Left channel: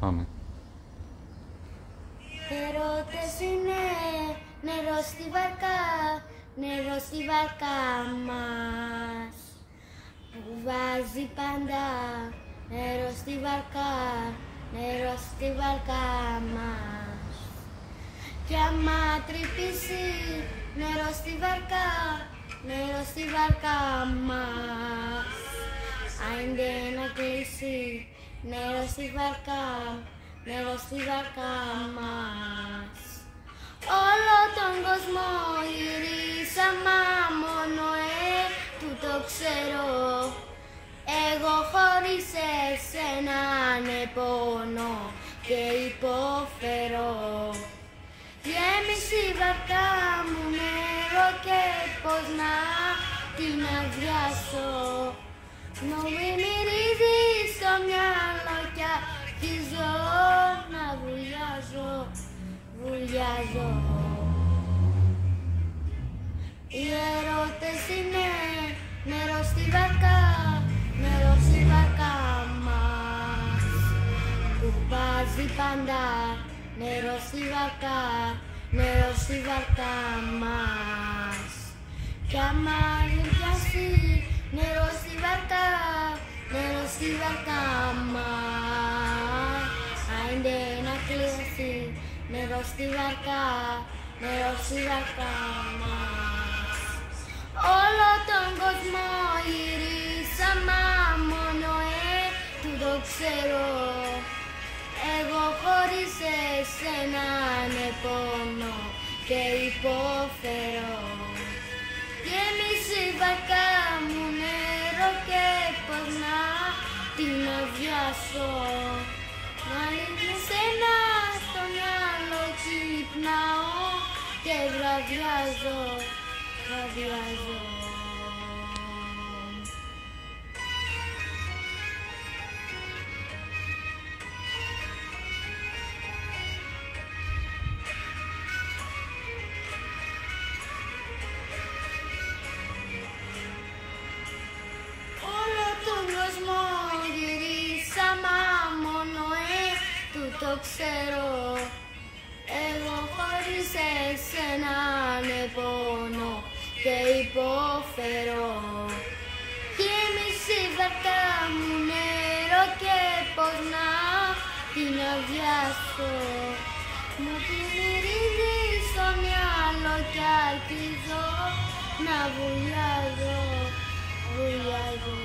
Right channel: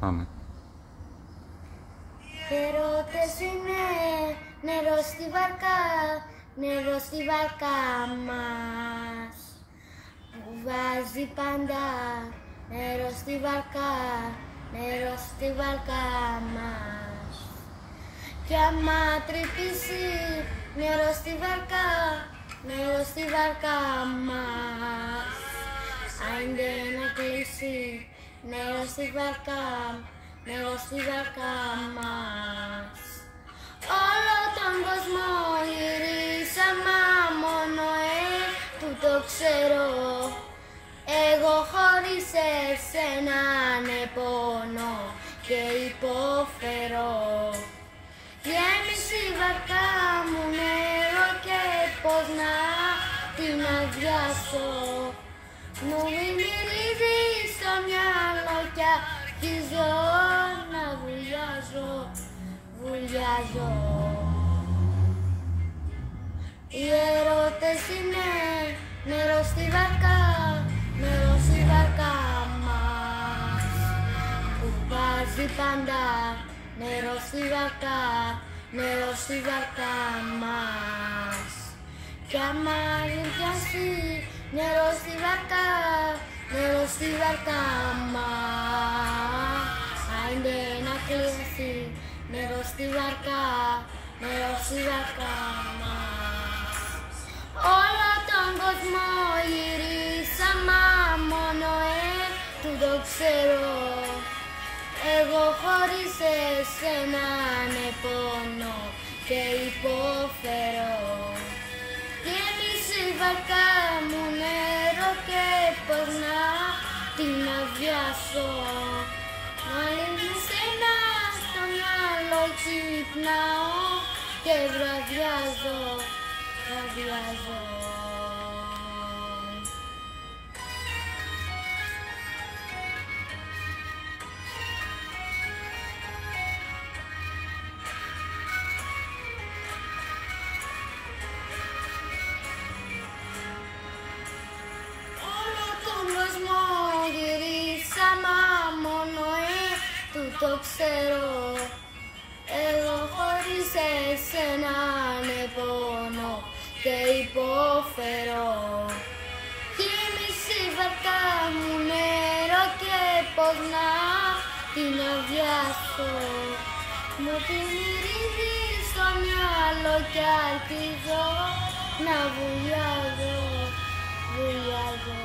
Πάμε. Ερώτες είναι νερό στη βάρκα, νερό στη βάρκα μας, που βάζει πάντα νερό στη βάρκα, νερό στη βάρκα μας. Κι άμα τρυπήσει νερό στη βάρκα, νερό στη βάρκα μας, άιντε να κλείσει νερό στη βάρκα, νερό στη βάρκα μας. Όλο τον κόσμο γυρίσαμε, μόνο που το ξέρω. Εγώ χωρίς εσένα πόνο και υποφέρω. Γέμισε η βαρκά μου νερό και πώς να την αδειάσω. Μην μυρίζει στο μυαλό κι αρχίζω να βουλιάζω, βουλιάζω. Οι ερώτες είναι νερό στη βάρκα, νερό στη βάρκα μας, που βάζει πάντα νερό στη βάρκα, νερό στη βάρκα μας. Κι άμα λιμπιάσει νερό στη βάρκα, νερό στη βάρκα μας, άιντε να κλείσει νερό στη βάρκα, νερό στη βάρκα μας. Όλο τον κόσμο γυρίσαμε, μόνο του το ξέρω. Εγώ χωρίς εσένα πόνο και υποφέρω. Γέμισε η βάρκα μου νερό και πώς να την αδειάσω. Μα εσένα στο μυαλό ξυπνάω και βραδιάζω, βραδιάζω. Το ξέρω, εγώ χωρίς εσένα πόνο και υποφέρω. Γέμισε η βάρκα μου νερό και πώς να την αδειάσω. Μου την μυρίζει στο μυαλό κι αρχίζω να βουλιάζω, βουλιάζω.